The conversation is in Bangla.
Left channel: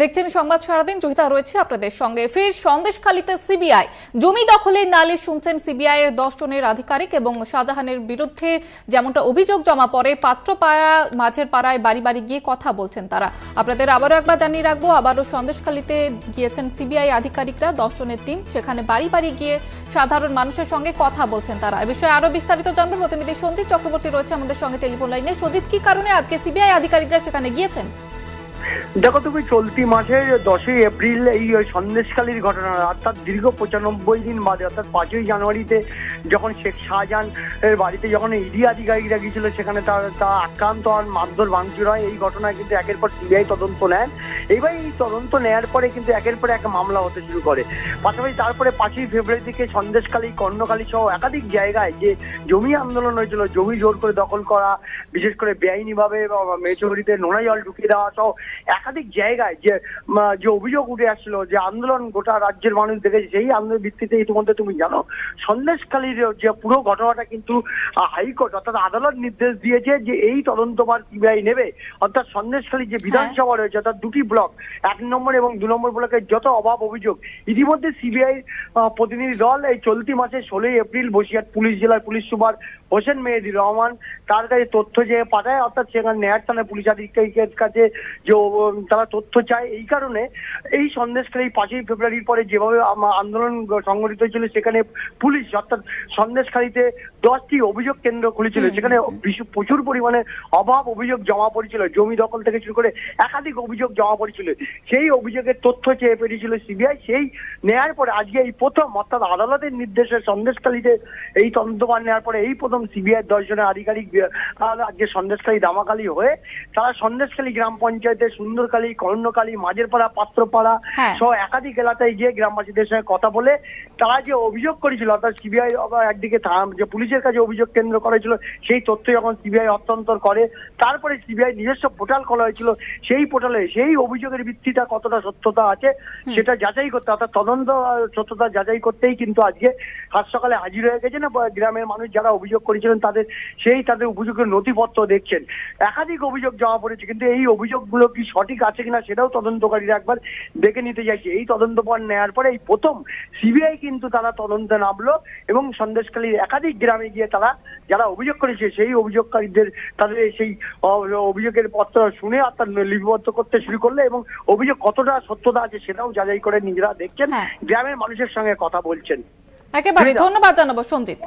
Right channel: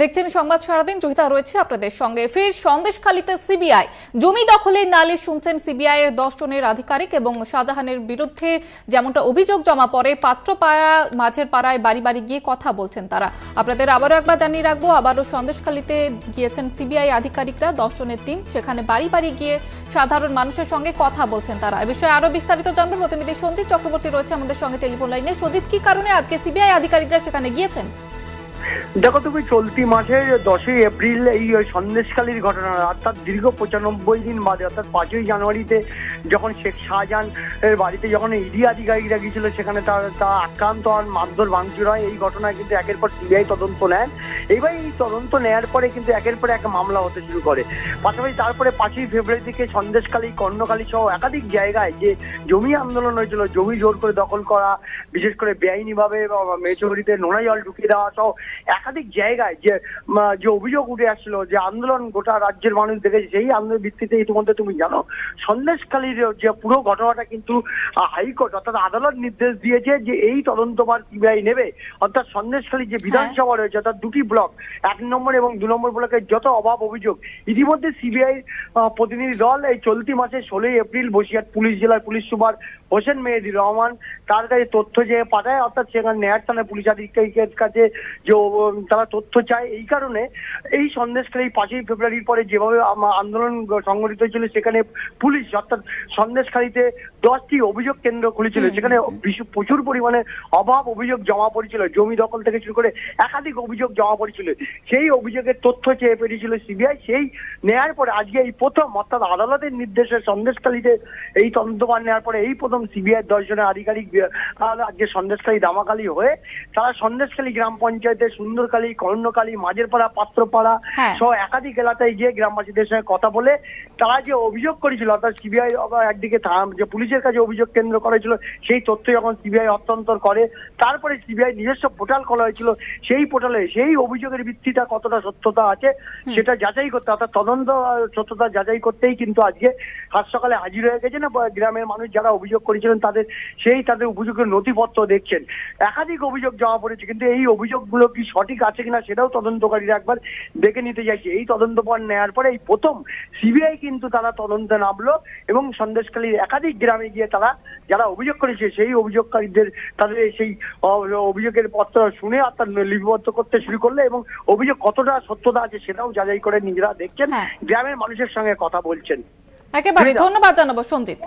দেখছেন সংবাদ সারাদিন, জহিতা রয়েছে আপনাদের সঙ্গে। ফের সন্দেশখালীতে সিবিআই জমি দখলের নালিশ শুনছেন সিবিআই এর 10 জনের আধিকারিক এবং শাহজাহানের বিরুদ্ধে যেমনটা অভিযোগ জমা পড়ে পাত্রপাড়া মাঝের পাড়ায় বাড়ি বাড়ি গিয়ে কথা বলছেন তারা। আপনাদের আবারও একবার জানিয়ে রাখবো, আবারও সন্দেশখালীতে গিয়েছেন সিবিআই আধিকারিকরা, 10 জনের টিম, সেখানে বাড়ি বাড়ি গিয়ে সাধারণ মানুষের সঙ্গে কথা বলছেন তারা। এ বিষয়ে আরো বিস্তারিত জানবেন প্রতিনিধি সন্দীপ চক্রবর্তী রয়েছে আমাদের সঙ্গে টেলিফোন লাইনে। সন্দীপ, কি কারণে আজকে সিবিআই আধিকারিকরা সেখানে গিয়েছেন? দেখো তুমি, চলতি মাসের 10ই এপ্রিল এই সন্দেশখালীর ঘটনা, অর্থাৎ দীর্ঘ 95 দিন বাদে, অর্থাৎ 5ই জানুয়ারিতে যখন শেখ শাহজাহান বাড়িতে যখন ইডি আধিকারিকরা গিয়েছিল, সেখানে তা আক্রান্ত হন, মারধর ভাঙচুর হয়। এই ঘটনায় কিন্তু একের পর সিবিআই তদন্ত নেন। এইবার এই তদন্ত নেওয়ার পরে কিন্তু একের পর এক মামলা হতে শুরু করে। পাশাপাশি তারপরে 5ই ফেব্রুয়ারি থেকে সন্দেশখালী, কর্ণখালী সহ একাধিক জায়গায় যে জমি আন্দোলন হয়েছিল, জমি জোর করে দখল করা, বিশেষ করে বেআইনিভাবে মেচুরিতে নোনা জল ঢুকিয়ে দেওয়া সহ একাধিক জায়গায় যে অভিযোগ উঠে আসছিল, যে আন্দোলন গোটা রাজ্যের মানুষ দেখেছে, সেই আন্দোলনের ভিত্তিতে ইতিমধ্যে তুমি জানো সন্দেশখালীর যে পুরো ঘটনাটা কিন্তু হাইকোর্ট অর্থাৎ আদালত নির্দেশ দিয়েছে যে এই তদন্তভার সিবিআই নেবে। অর্থাৎ সন্দেশখালী যে বিধানসভা রয়েছে, অর্থাৎ 2টি ব্লক, 1 নম্বর এবং 2 নম্বর ব্লকের যত অভাব অভিযোগ, ইতিমধ্যে সিবিআই প্রতিনিধি দল এই চলতি মাসে 16ই এপ্রিল বসিরহাট পুলিশ জেলার পুলিশ সুপার হোসেন মেহেদি রহমান তার কাছে তথ্য যে পাঠায়, অর্থাৎ সেখানে নেয়ার থানার পুলিশ আধিকারিকের কাছে যে তারা তথ্য চায়। এই কারণে এই সন্দেশখালী 5ই ফেব্রুয়ারির পরে যেভাবে আন্দোলন সংগঠিত হয়েছিল, সেখানে পুলিশ অর্থাৎ সন্দেশখালীতে 10টি অভিযোগ কেন্দ্র খুলেছিল, সেখানে প্রচুর পরিমাণে অভাব অভিযোগ জমা পড়েছিল, জমি দখল থেকে শুরু করে একাধিক অভিযোগ জমা পড়েছিল। সেই অভিযোগের তথ্য চেয়ে পেয়েছিল সিবিআই। সেই নেয়ার পরে আজকে এই প্রথম, অর্থাৎ আদালতের নির্দেশে সন্দেশখালীতে এই তদন্তভার নেওয়ার পরে এই প্রথম সিবিআই 10 জনের আধিকারিক আজকে সন্দেশখালী দামাখালী হয়ে তারা সন্দেশখালী গ্রাম পঞ্চায়েতের সুন্দরখালী, কর্ণখালী, মাঝের পাড়া, পাত্রপাড়া সহ একাধিক এলাকায় গিয়ে গ্রামবাসীদের সঙ্গে কথা বলে তারা যে অভিযোগ করেছিল, অর্থাৎ সিবিআই একদিকে যে পুলিশের কাছে অভিযোগ কেন্দ্র করেছিল, সেই তথ্য যখন সিবিআই হস্তান্তর করে, তারপরে সিবিআই নিজস্ব পোর্টাল খোলা হয়েছিল। সেই পোর্টালে সেই অভিযোগের ভিত্তিটা কতটা সত্যতা আছে সেটা যাচাই করতে, অর্থাৎ তদন্ত সত্যতা যাচাই করতেই কিন্তু আজকে আজ সকালে হাজির হয়ে গেছে না গ্রামের মানুষ যারা অভিযোগ করেছিলেন তাদের অভিযোগের নথিপত্র দেখছেন। একাধিক অভিযোগ জমা পড়েছে, কিন্তু এই অভিযোগগুলো কি সঠিক আছে কিনা সেটাও তদন্তকারীরা একবার দেখে নিতে চাইছে। এই তদন্ত নেওয়ার পরে এই প্রথম সিবিআই কিন্তু তারা তদন্তে নামলো এবং সন্দেশখালীর একাধিক গ্রামে গিয়ে তারা যারা অভিযোগ করেছে সেই অভিযোগকারীদের তাদের সেই অভিযোগের পত্র শুনে অর্থাৎ লিপিবদ্ধ করতে শুরু করলো এবং অভিযোগ কতটা সত্যতা আছে সেটাও যাচাই করে নিজেরা দেখছেন, গ্রামের মানুষের সঙ্গে কথা বলছেন। একেবারে ধন্যবাদ জানাবো সঞ্জিত।